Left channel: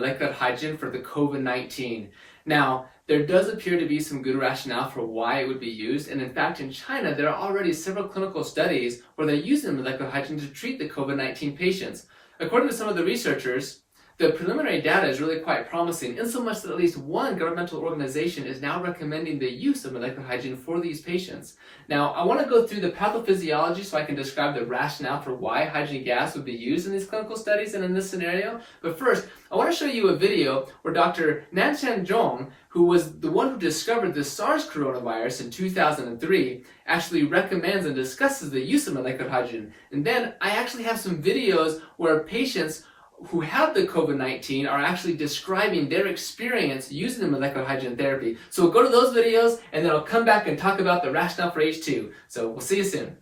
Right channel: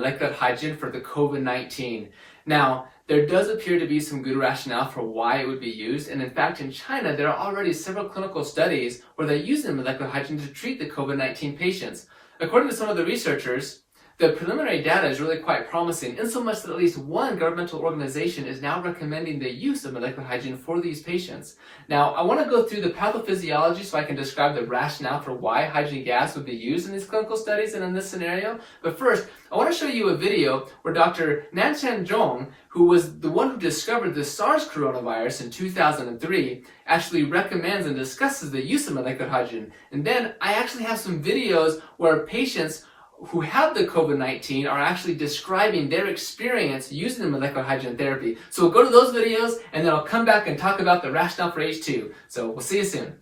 molecular hydrogen for the COVID-19. Now, there does appear to be some good rationale for why it would be used, and in fact in China there are already several clinical studies where they're using molecular hydrogen to treat the COVID-19 patients. According to some of the researchers, the preliminary data is really quite promising, in so much that at least one governmental organization is now recommending the use of molecular hydrogen for these patients. Now, I want to go through the pathophysiology so I can describe the rationale for why hydrogen gas would be used in these clinical studies and in this scenario. But first, I want to show you a video where Dr. Nanchan Zhong, who was the one who discovered the SARS coronavirus in 2003, actually recommends and discusses the use of molecular hydrogen. And then I actually have some videos where patients who have the COVID-19 are actually describing their experience using the molecular hydrogen therapy. So we'll go to those videos and then I'll come back and talk about the rationale for H2. So we'll see you soon.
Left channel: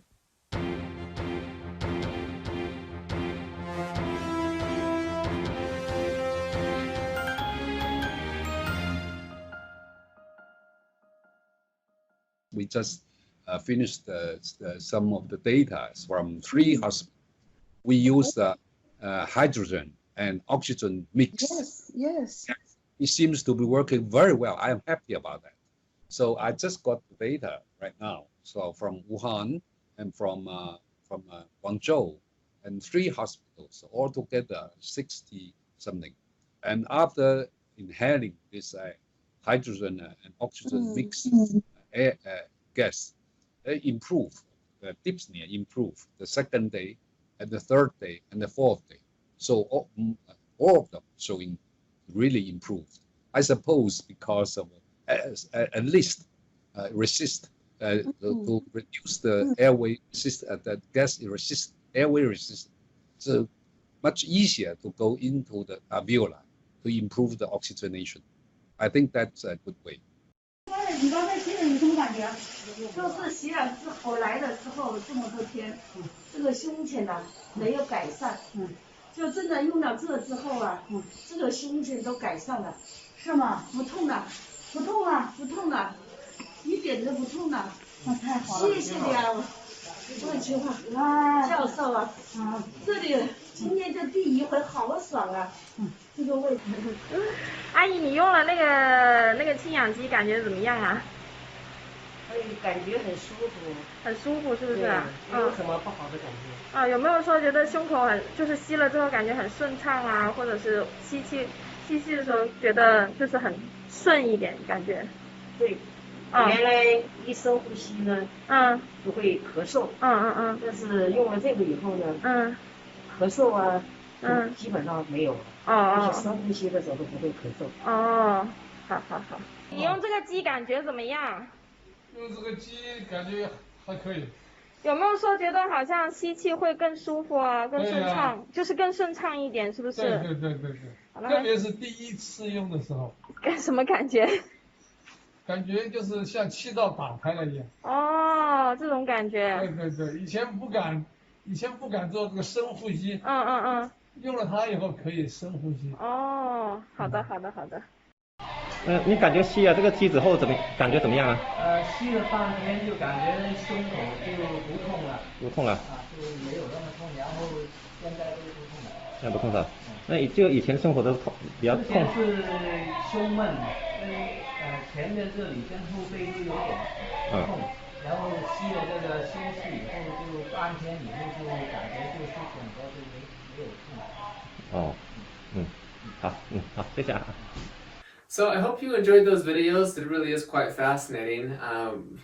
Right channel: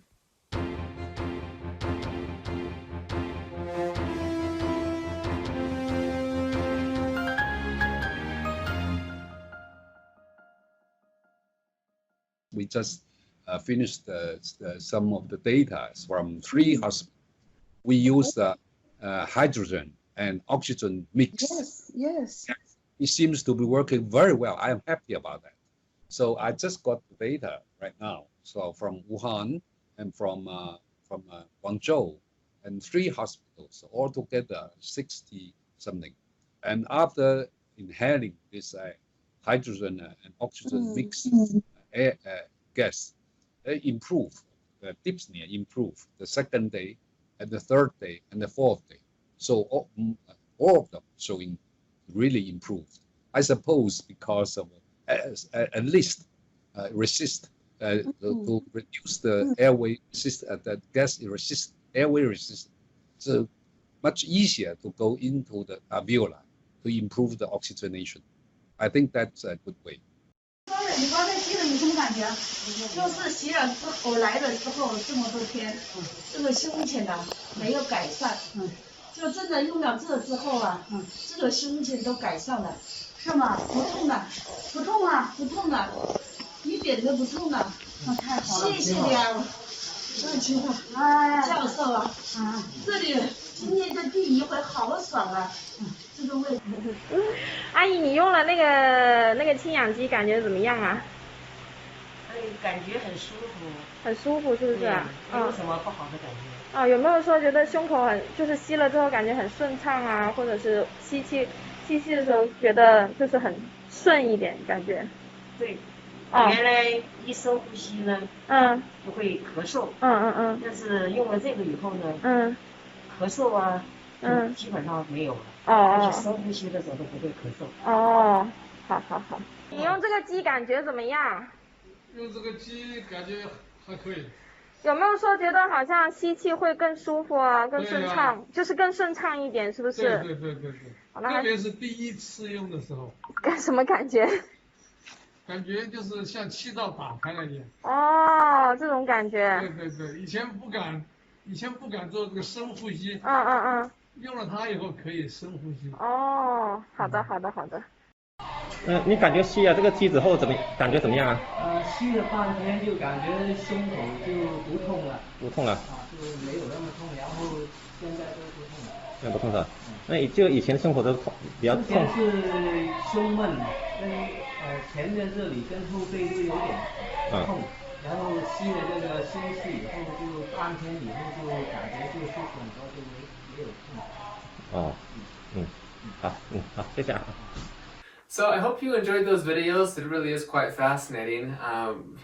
We just finished some of the data from 3 hospitals. We use hydrogen and oxygen mix. Yes. It seems to be working very well. I am happy about that. So I just got the data right now. So from Wuhan and from Guangzhou, and 3 hospitals, altogether 60 something. And after inhaling this hydrogen and oxygen mix gas, they improve. The dyspnea improved the 2nd day, and the 3rd day, and the 4th day. So all of them showing really improved. I suppose because of at least resist to reduce the airway resist, the gas resist, airway resistance. So much easier to go into the alveoli to improve the oxygenation. I think that's a good way. 你刚才吸了有什么感觉？就是洗了之后来了之后这么多天，这个胸前呢没有改善，就真的用了这之后啊，这个胸前都改善了，是吗？不痛了，不痛了，不痛了，一点都不痛了，太好了，谢谢你啊，万秋教授啊，这里今天这第一回好爽啊，这个位置。阿姨，你用了那个氢氧机，感觉怎么样啊？感觉很舒服，很舒服，是不是？没有什么不好的感觉。有没有说觉得胸口就是吸了之后感觉很顺畅啊，或者是吸气的时候觉得就是很顺一点感觉？对，原来一深呼吸呢，就会咳嗽，但是用了这个以后呢，咳嗽啊，基本上没有了，而且深呼吸的时候都不会咳嗽。好，你用这个机感觉怎么样？用这个机感觉还可以。有没有说觉得好像吸气会更舒服啊，更顺畅，就是更顺畅一点，是不是？对。特别是第一次用的时候。什么感觉？感觉就是像气道打开了一样。这种感觉。对，以前不敢做这个深呼吸。用了它以后可以深呼吸。好的。你感觉吸了这个机之后感觉怎么样啊？吸了半天就感觉胸口就不痛了。不痛了。就没有那么痛，然后现在都不痛了。现在不痛了。那就以前生活都比较痛。之前是胸闷，跟前面这里跟后背都有点痛，然后吸了这个新气以后就半天以后就感觉就舒服很多，就没有痛。好，谢谢啊。So I hope you enjoyed those videos. It really is quite fascinating.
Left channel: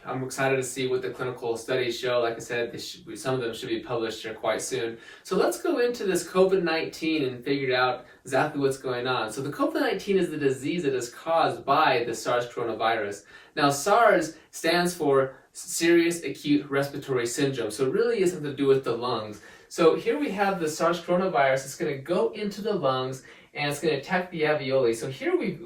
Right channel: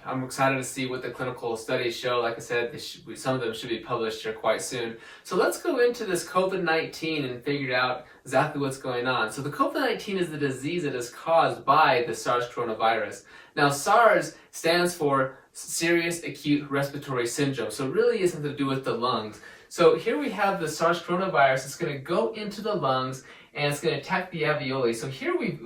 I'm excited to see what the clinical studies show. Like I said, some of them should be published here quite soon. So let's go into this COVID-19 and figure out exactly what's going on. So the COVID-19 is the disease that is caused by the SARS coronavirus. Now SARS stands for Serious Acute Respiratory Syndrome. So it really is something to do with the lungs. So here we have the SARS coronavirus. It's going to go into the lungs and it's going to attack the alveoli. So here we've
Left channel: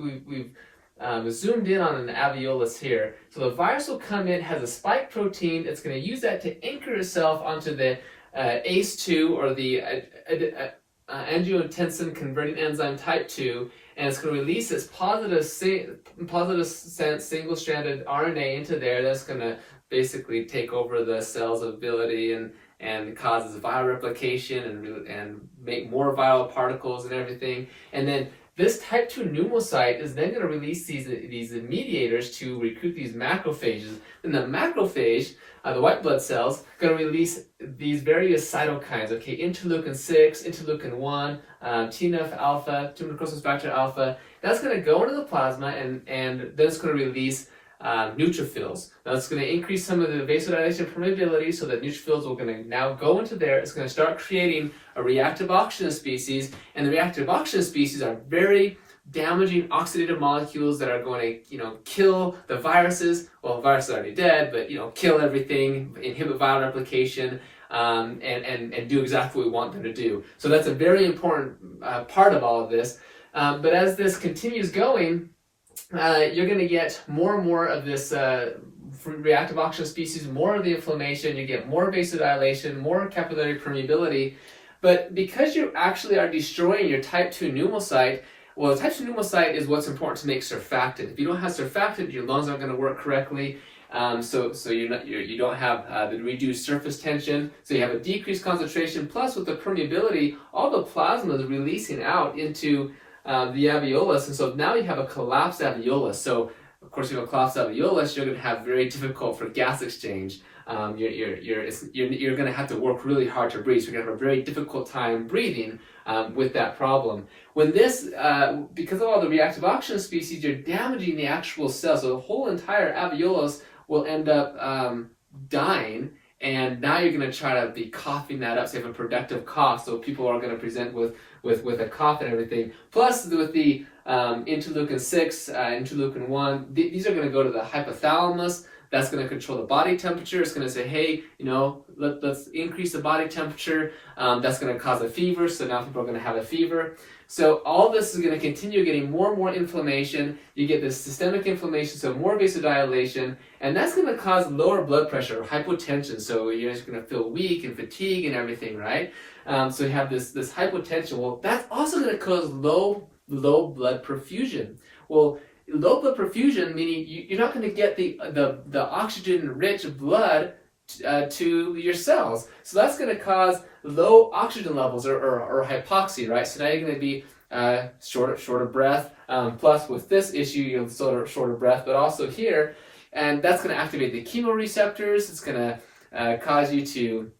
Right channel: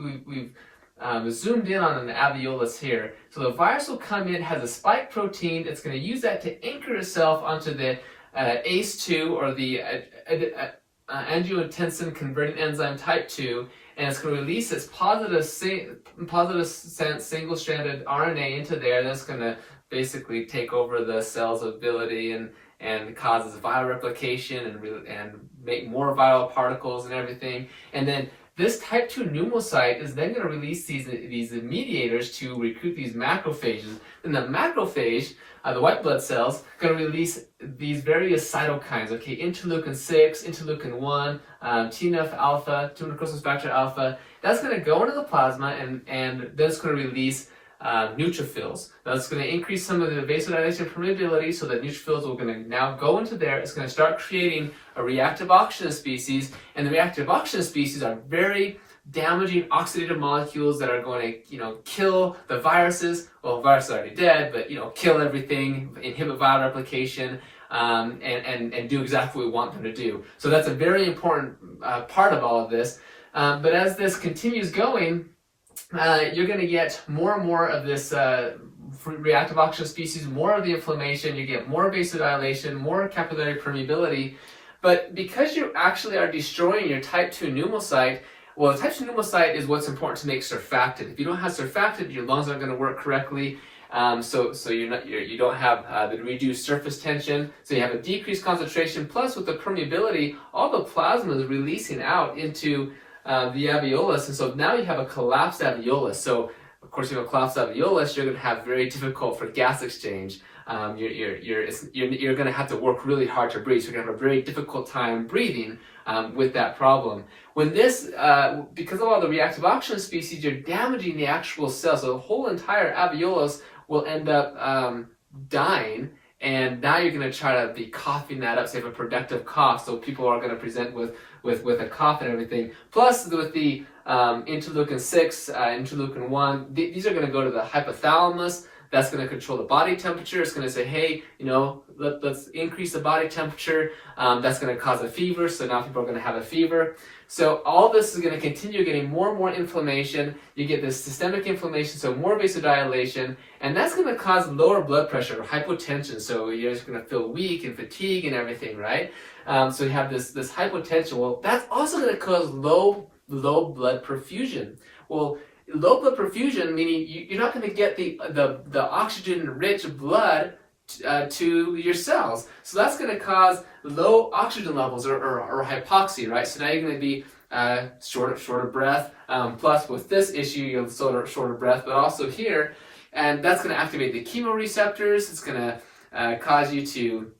zoomed in on an alveolus here. So the virus will come in, has a spike protein. It's going to use that to anchor itself onto the ACE2 or the angiotensin converting enzyme type 2, and it's going to release its positive single-stranded RNA into there. That's going to basically take over the cell's ability and causes viral replication and make more viral particles and everything. And then this type 2 pneumocyte is then going to release these mediators to recruit these macrophages. And the macrophage, the white blood cells, going to release these various cytokines, okay, interleukin 6, interleukin 1, TNF alpha, tumor necrosis factor alpha. That's going to go into the plasma and then it's going to release neutrophils. Now it's going to increase some of the vasodilation permeability so that neutrophils are going to now go into there. It's going to start creating a reactive oxygen species, and the reactive oxygen species are very damaging oxidative molecules that are going to, kill the viruses. Well, the virus is already dead, but, kill everything, inhibit viral replication, and do exactly what we want them to do. So that's a very important part of all of this. But as this continues going, you're going to get more and more of this reactive oxygen species, more of the inflammation, you get more vasodilation, more capillary permeability. But because you actually are destroying your type 2 pneumocyte, well, the type 2 pneumocyte is what's important to make surfactant. If you don't have surfactant, your lungs aren't going to work correctly. So you don't have the reduced surface tension, so you have a decreased concentration. Plus, with the permeability, all the plasma is releasing out into the alveolus, and so now you have a collapsed alveolus. So, of course, you have a collapsed alveolus, you're going to have very difficult for gas exchange. You're going to have to work really hard to breathe. So you're going to have a very difficult time breathing with that problem. When this, because of all the reactive oxygen species, you're damaging the actual cell. So the whole entire alveolus will end up dying. And now you're going to try to be coughing that up, so you have a productive cough. So people are going to present with a cough and everything. Plus, with the interleukin 6, interleukin 1, these are going to go to the hypothalamus. That's going to control the body temperature. It's going to say, hey, let's increase the body temperature. That's going to cause a fever. So now people are going to have a fever. So all this is going to continue getting more and more inflammation. You get this systemic inflammation, so more vasodilation, and that's going to cause lower blood pressure or hypotension. So you're just going to feel weak and fatigue and everything, right? So you have this hypotension. Well, that's also going to cause low blood perfusion. Well, low blood perfusion meaning you're not going to get the oxygen-rich blood to your cells. So that's going to cause low oxygen levels or hypoxia, right? So now you're going to be short of breath. Plus, with this issue, you have short of breath, but also here, and that's going to activate the chemoreceptors. It's going to cause you to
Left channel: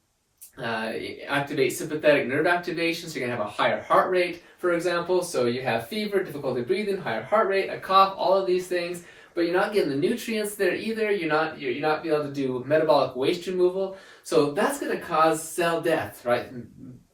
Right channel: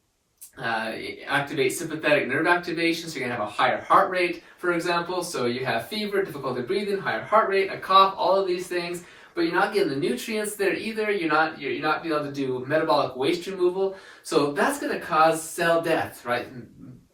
activate sympathetic nerve activation, so you're going to have a higher heart rate, for example. So you have fever, difficulty breathing, higher heart rate, a cough, all of these things. But you're not getting the nutrients there either. You're not being able to do metabolic waste removal. So that's going to cause cell death, right?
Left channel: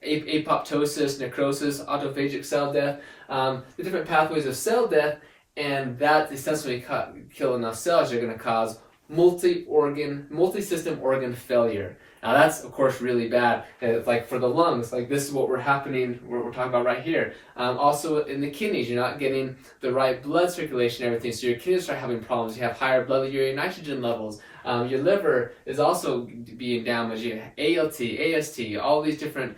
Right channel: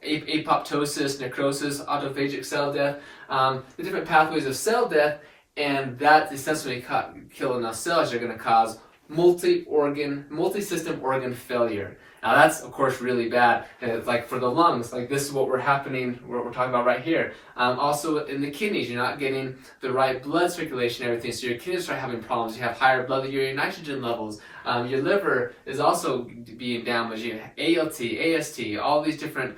Apoptosis, necrosis, autophagic cell death, the different pathways of cell death, and that's essentially killing enough cells. You're going to cause multi-system organ failure. Now that's of course really bad. Like for the lungs, like this is what we're talking about right here. Also in the kidneys, you're not getting the right blood circulation and everything, so your kidneys start having problems. You have higher blood urea nitrogen levels. Your liver is also being damaged. You have ALT, AST, all these different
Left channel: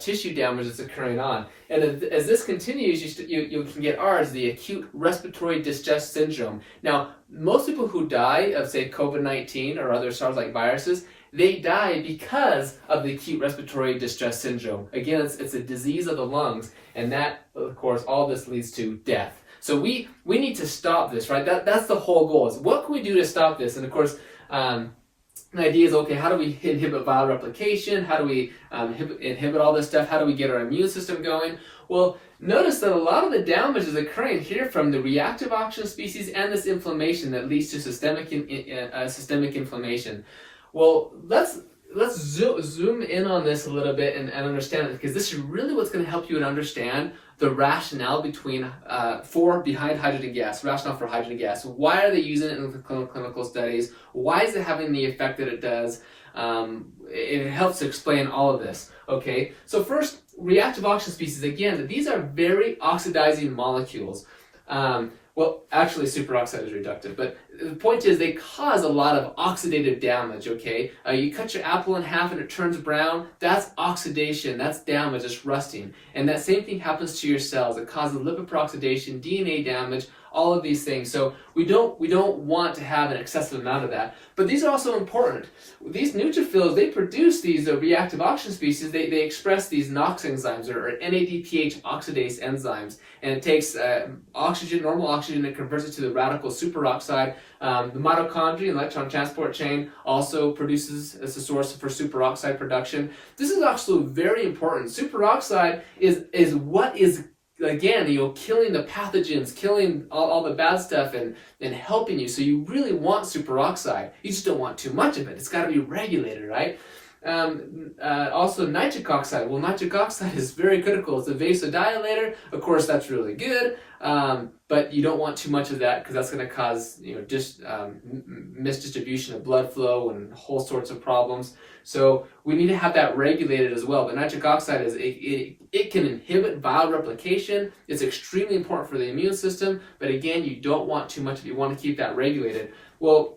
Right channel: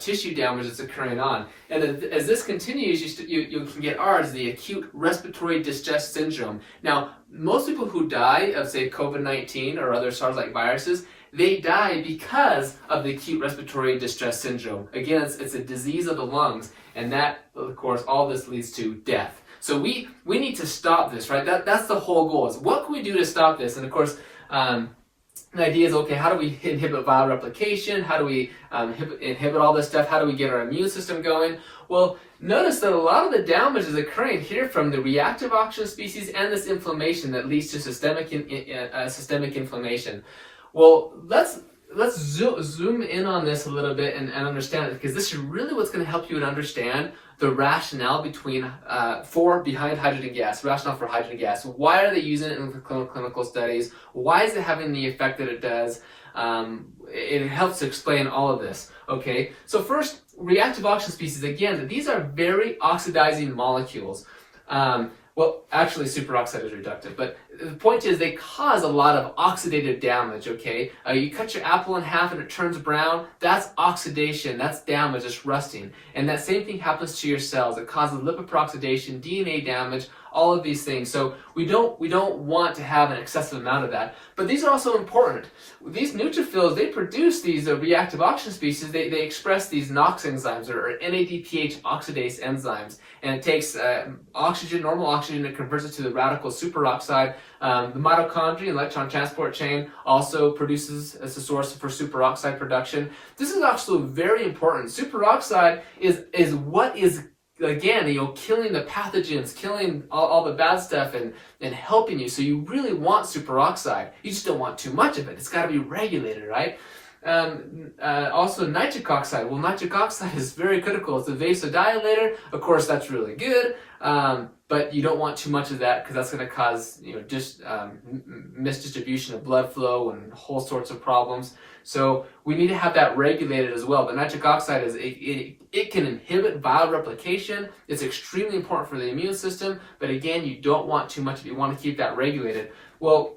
tissue damage that's occurring on. And as this continues, you can get ours, the acute respiratory distress syndrome. Now, most people who die of, say, COVID-19 or other SARS-like viruses, they die because of the acute respiratory distress syndrome. Again, it's a disease of the lungs, and that, of course, all this leads to death. So we need to stop this, right? That's the whole goal, is what can we do to stop this? And of course, the idea is, okay, how do we inhibit viral replication? How do we inhibit all this stuff? How do we get our immune system going? Well, notice that a lot of the damage is occurring here from the reactive oxygen species and this inflammation that leads to systemic inflammation. Well, let's zoom in on this a little bit and understand it, because this is really what's going to help you to understand the rationale behind hydrogen gas, rationale for hydrogen gas. Why are they using it in the clinical studies? Why is it having the effect that it does? It helps to explain all of this. Okay, so first, reactive oxygen species. Again, these are very oxidizing molecules. Well, actually, superoxide is reductive, but the point is they cause a lot of oxidative damage, okay? You cut your apple in half and it turns brown, that's oxidation, that's damage, it's rusting. And that same thing happens to your cells. It causes lipid peroxidation, DNA damage, all of these things. So we don't want to have an excessive amount of that. But these are also important. These neutrophils, they produce these reactive oxygen species. They express these NOx enzymes, or NADPH oxidase enzymes. And it takes oxygen, normal oxygen, and converts it to the radical superoxide. The mitochondria, electron transport chain, also produces as a source for superoxide production. This is actually very important. Superoxide is what is, again, killing the pathogens, killing all the bad stuff, and helping you. So you really want superoxide. You just don't want too much of it. It's got to be regulated, right? Also nitric oxide. Well, nitric oxide is very critical. It's a vasodilator. Of course, that's really good, but you don't want too much of that because that's going to cause misdistribution of blood flow and whole sorts of problems. So we need to have that regulated as well. But nitric oxide it can inhibit viral replication. It's extremely important for the immune system. But again, you don't want too much of it. You want to keep that regulated. Well,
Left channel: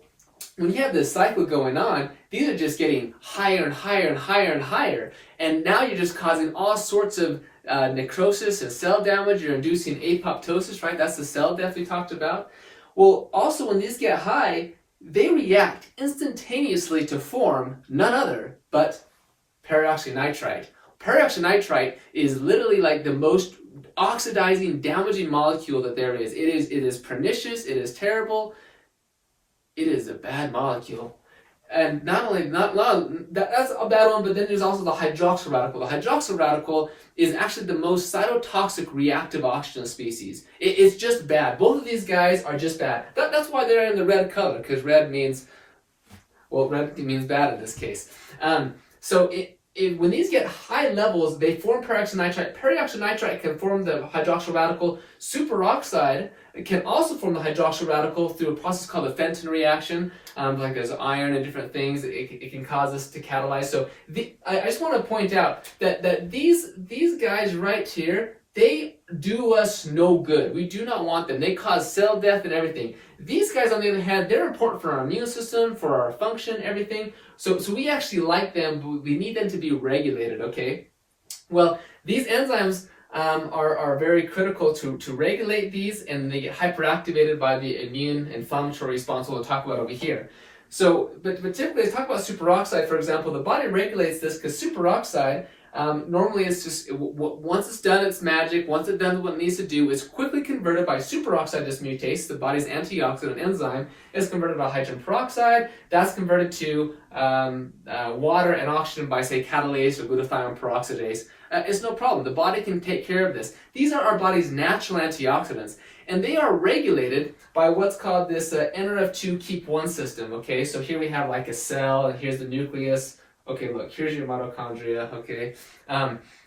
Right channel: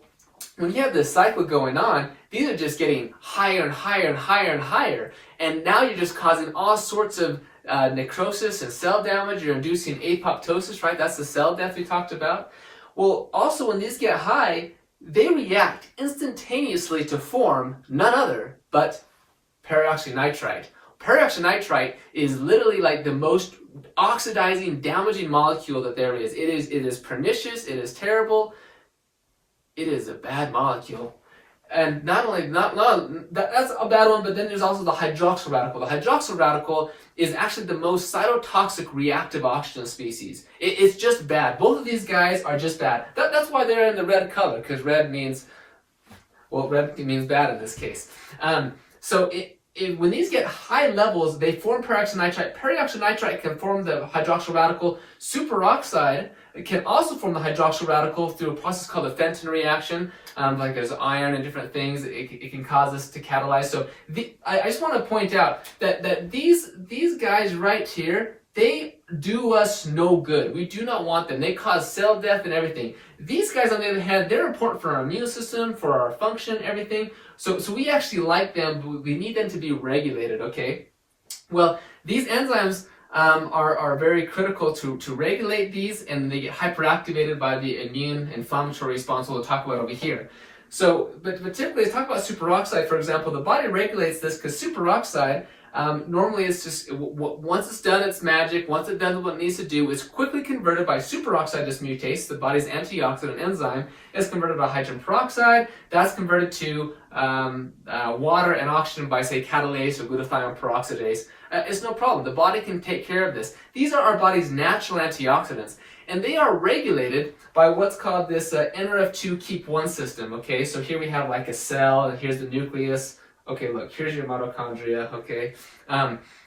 when you have this cycle going on, these are just getting higher and higher and higher and higher. And now you're just causing all sorts of necrosis and cell damage. You're inducing apoptosis, right? That's the cell death we talked about. Well, also when these get high, they react instantaneously to form none other but peroxynitrite. Peroxynitrite is literally like the most oxidizing, damaging molecule that there is. It is pernicious, it is terrible, it is a bad molecule. And not only that's a bad one, but then there's also the hydroxyl radical. The hydroxyl radical is actually the most cytotoxic reactive oxygen species. It's just bad. Both of these guys are just bad. That's why they're in the red color, because red means bad in this case. When these get high levels, they form peroxynitrite. Peroxynitrite can form the hydroxyl radical. Superoxide can also form the hydroxyl radical through a process called the Fenton reaction. Like there's iron and different things. It can cause this to catalyze. So I just want to point out that these guys right here, they do us no good. We do not want them. They cause cell death and everything. These guys, on the other hand, they're important for our immune system, for our function, everything. So we actually like them. We need them to be regulated, okay? Well, these enzymes are very critical to regulate these, and they get hyperactivated by the immune inflammatory response we'll talk about over here. So, but typically, let's talk about superoxide, for example. The body regulates this because superoxide, normally it's just, once it's done its magic, once it's done what it needs to do, it's quickly converted by superoxide dismutase, the body's antioxidant enzyme. It's converted by hydrogen peroxide. That's converted to water and oxygen by, say, catalase or glutathione peroxidase. It's no problem. The body can take care of this. These are our body's natural antioxidants, and they are regulated by what's called this NRF2 keep 1 system. Okay, so here we have like a cell, and here's the nucleus. Okay, look, here's your mitochondria, okay?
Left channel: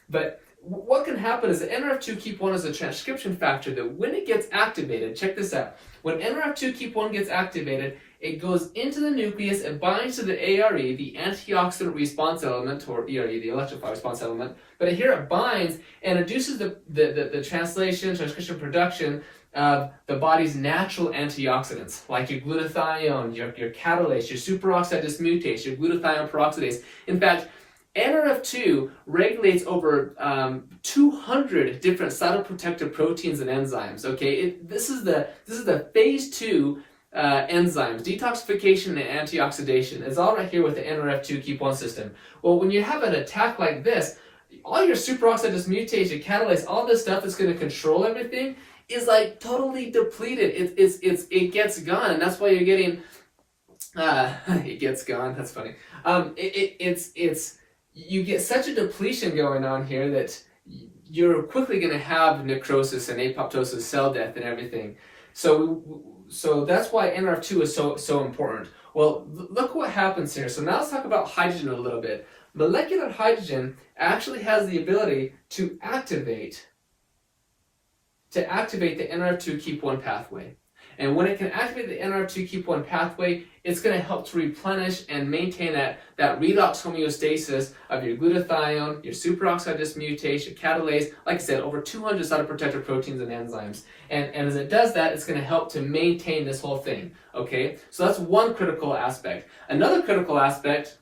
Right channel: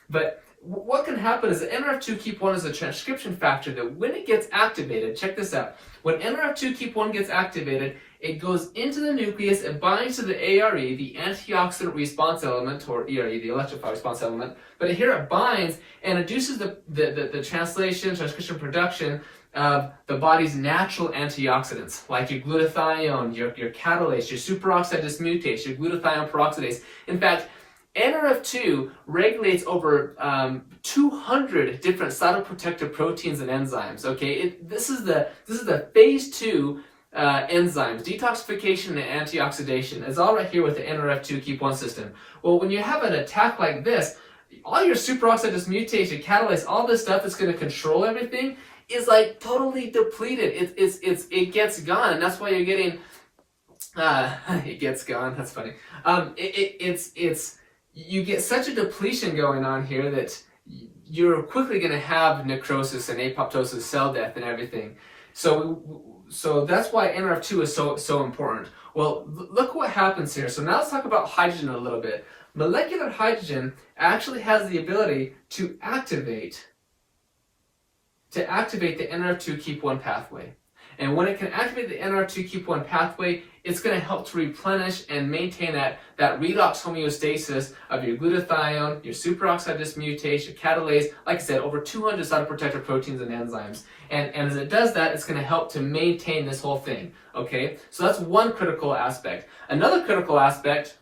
But what can happen is that NRF2 keep 1 is a transcription factor that when it gets activated, check this out, when NRF2 keep 1 gets activated, it goes into the nucleus and binds to the ARE, the antioxidant response element, or ERE, the electrified response element, but here it binds and induces the translation, transcription, production of the body's natural antioxidants, like your glutathione, your catalase, your superoxide dismutase, your glutathione peroxidase. In fact, NRF2 regulates over 200 different cytoprotective proteins and enzymes. Okay, this is the phase 2 enzymes, detoxification and antioxidation. It's all right here with the NRF2 keep 1 system. Well, when you have an attack like this, all your superoxide dismutase, your catalase, all this stuff that's going to control everything is like totally depleted. It gets gone, and that's why you're getting it gets gone. That's funny. You get such a depletion going on here that you're quickly going to have necrosis and apoptosis, cell death, and everything. So that's why NRF2 is so important. Well, look what happens here. So now let's talk about hydrogen a little bit. Molecular hydrogen actually has the ability to activate the NRF2 keep 1 pathway. And when it can activate the NR2 keep 1 pathway, it's going to help to replenish and maintain that redox homeostasis of your glutathione, your superoxide dismutase, your catalase, like I said, over 200 cytoprotective proteins and enzymes. And as it does that, it's going to help to maintain this whole thing, okay? So that's one critical aspect. Another critical aspect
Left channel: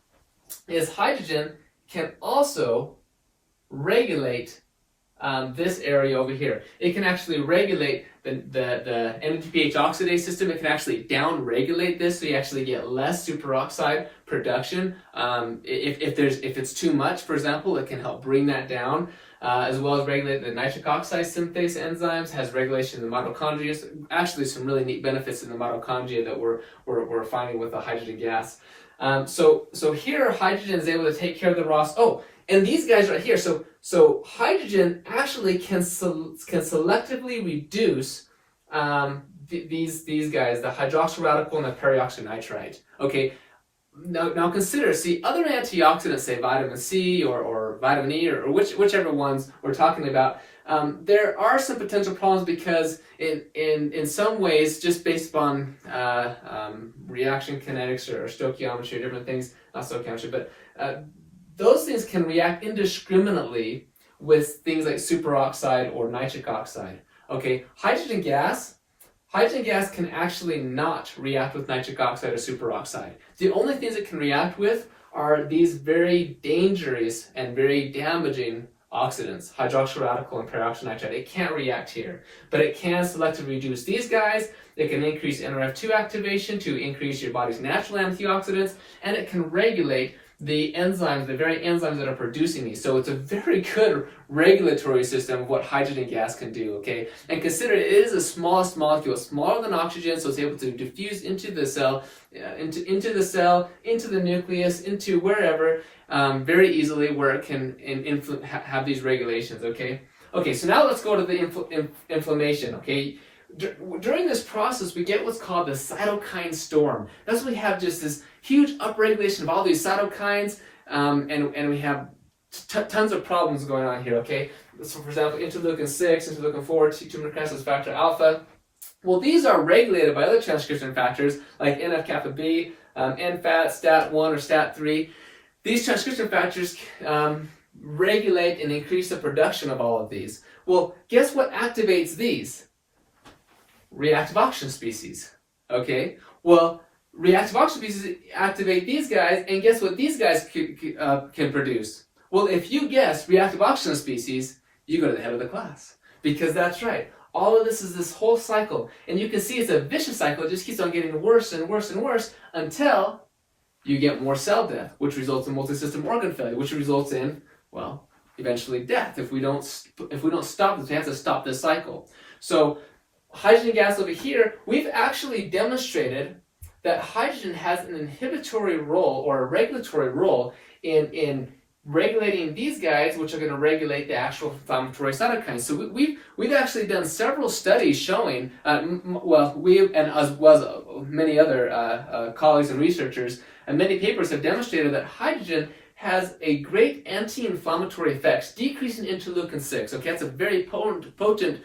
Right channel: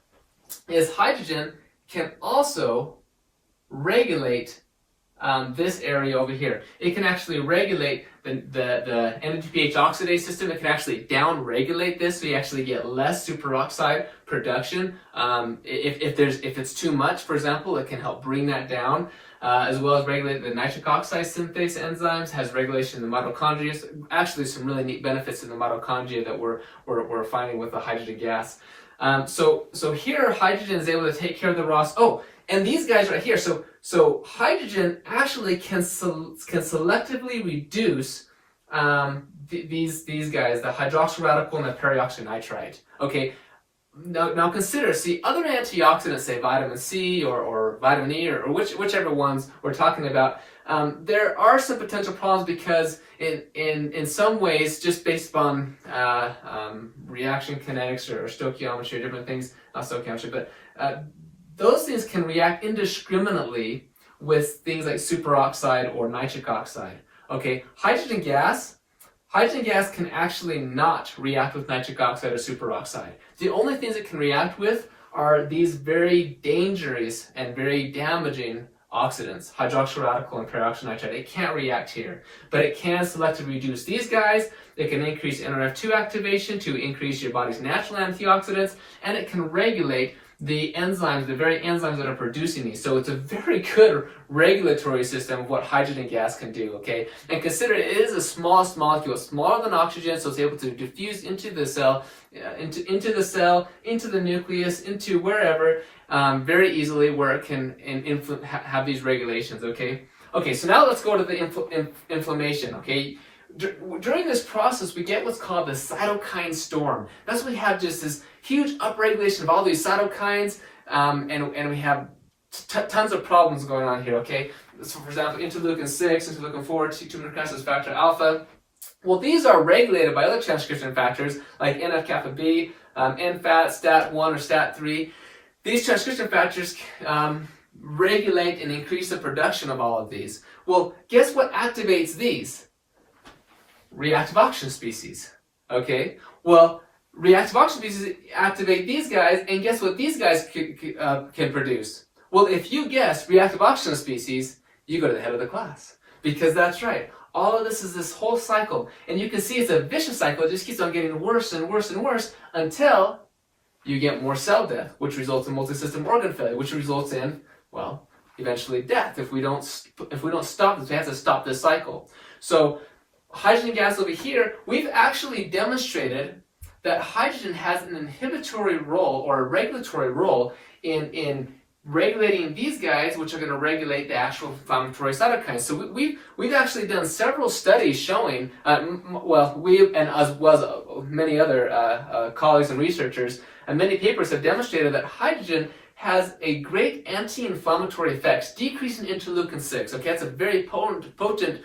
is hydrogen can also regulate this area over here. It can actually regulate the NADPH oxidase system. It can actually down-regulate this, so you actually get less superoxide production. If it's too much, for example, it can help bring that down, as well as regulate the nitric oxide synthase enzymes, has regulation in the mitochondria. So actually, some really neat benefits in the mitochondria that we're finding with the hydrogen gas. So here, hydrogen is able to take care of the ROS. Oh, and these guys right here. So hydrogen actually can selectively reduce these guys, the hydroxyl radical and the perioxynitrite. Okay. Now consider, see, other antioxidants, say vitamin C or vitamin E or whichever ones we're talking about, there are some potential problems because in some ways, just based on reaction kinetics or stoichiometry or different things, not stoichiometry, but those things can react indiscriminately with things like superoxide or nitric oxide. Okay, hydrogen gas can actually not react with nitric oxide or superoxide. The only things it can react with are these very dangerous and very damaging oxidants, hydroxyl radical and peroxynitrite. It can't react here, but it can selectively reduce these guys. It can increase NRF2 activation to increase your body's natural antioxidants, and it can regulate the enzymes, the very enzymes that are producing these. So it's a very good regulatory system of what hydrogen gas can do, okay? And consider it is the smallest molecule, smaller than oxygen, so it's able to diffuse into the cell, into the nucleus, into wherever, very easily, where it can have these regulations, okay? Okay, so now let's go to the inflammation, okay? During this process, we get what's called the cytokine storm. That's when we have just this huge upregulation of all these cytokines, and we have tons of problems going on here, okay? So, for example, interleukin 6, interleukin 4, tumor necrosis factor alpha. Well, these are regulated by other transcription factors like NF-kappa B, NFAT, STAT1, or STAT3. These transcription factors regulate and increase the production of all of these. Well, guess what activates these? Reactive oxygen species, okay? Well, reactive oxygen species activate these guys, and guess what these guys can produce? Well, if you guess reactive oxygen species, you go to the head of the class. Because that's right. All of this is this whole cycle. And you can see it's a vicious cycle. It just keeps on getting worse and worse and worse until you get more cell death, which results in multi-system organ failure, which results in, well, eventually death. If we don't stop this, we have to stop this cycle. So hydrogen gas over here, we've actually demonstrated that hydrogen has an inhibitory role or a regulatory role in regulating these guys, which are going to regulate the actual inflammatory cytokines. So we've actually done several studies showing, we and as well as many other colleagues and researchers, and many papers have demonstrated that hydrogen has a great anti-inflammatory effects, decreasing interleukin 6. Okay, that's a very potent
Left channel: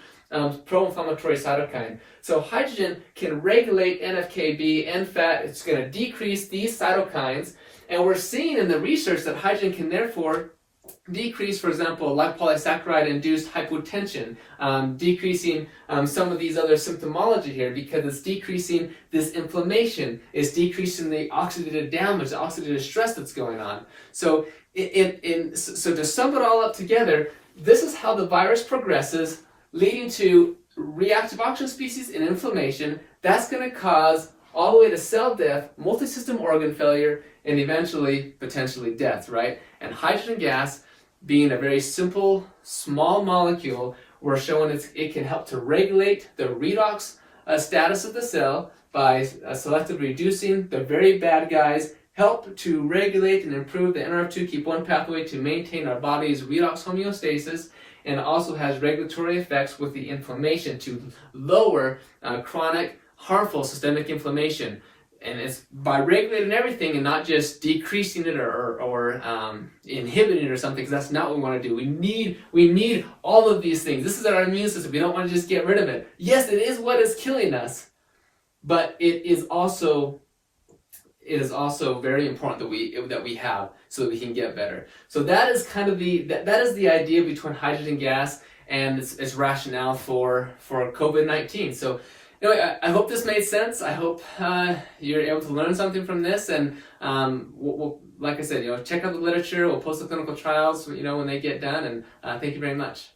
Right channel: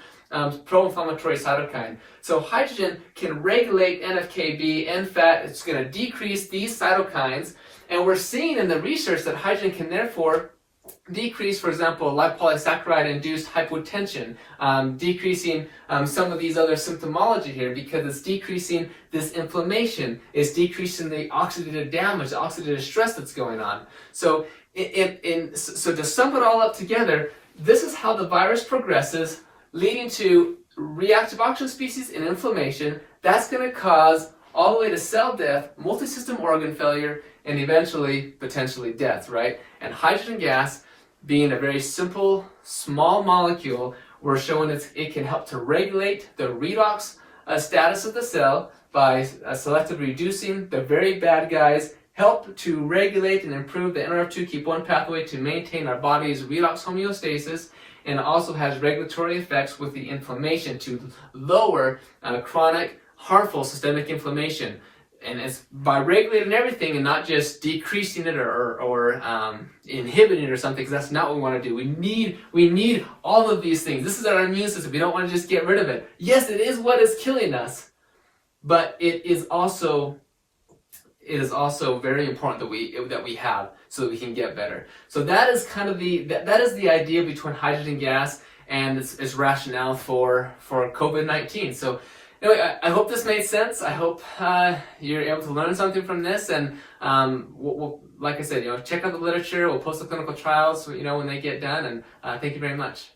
pro-inflammatory cytokine. So hydrogen can regulate NF-κB, NFAT. It's going to decrease these cytokines, and we're seeing in the research that hydrogen can therefore decrease, for example, lipopolysaccharide-induced hypotension, decreasing some of these other symptomology here because it's decreasing this inflammation, it's decreasing the oxidative damage, the oxidative stress that's going on. So, so to sum it all up together, this is how the virus progresses, leading to reactive oxygen species and inflammation. That's going to cause all the way to cell death, multi-system organ failure, and eventually, potentially death, right? And hydrogen gas, being a very simple, small molecule, we're showing it can help to regulate the redox status of the cell by selectively reducing the very bad guys, help to regulate and improve the NRF2 keep 1 pathway to maintain our body's redox homeostasis, and also has regulatory effects with the inflammation to lower chronic, harmful systemic inflammation. And it's by regulating everything and not just decreasing it or inhibiting it or something, because that's not what we want to do. We need all of these things. This is our immune system. We don't want to just get rid of it. Yes, it is what is killing us, but it is also very important that we have so that we can get better. So that is kind of that is the idea between hydrogen gas and its rationale for COVID-19. So anyway, I hope this made sense. I hope you're able to learn something from this, and we'll, like I said, check out the literature. We'll post the clinical trials, when they get done, and thank you very much.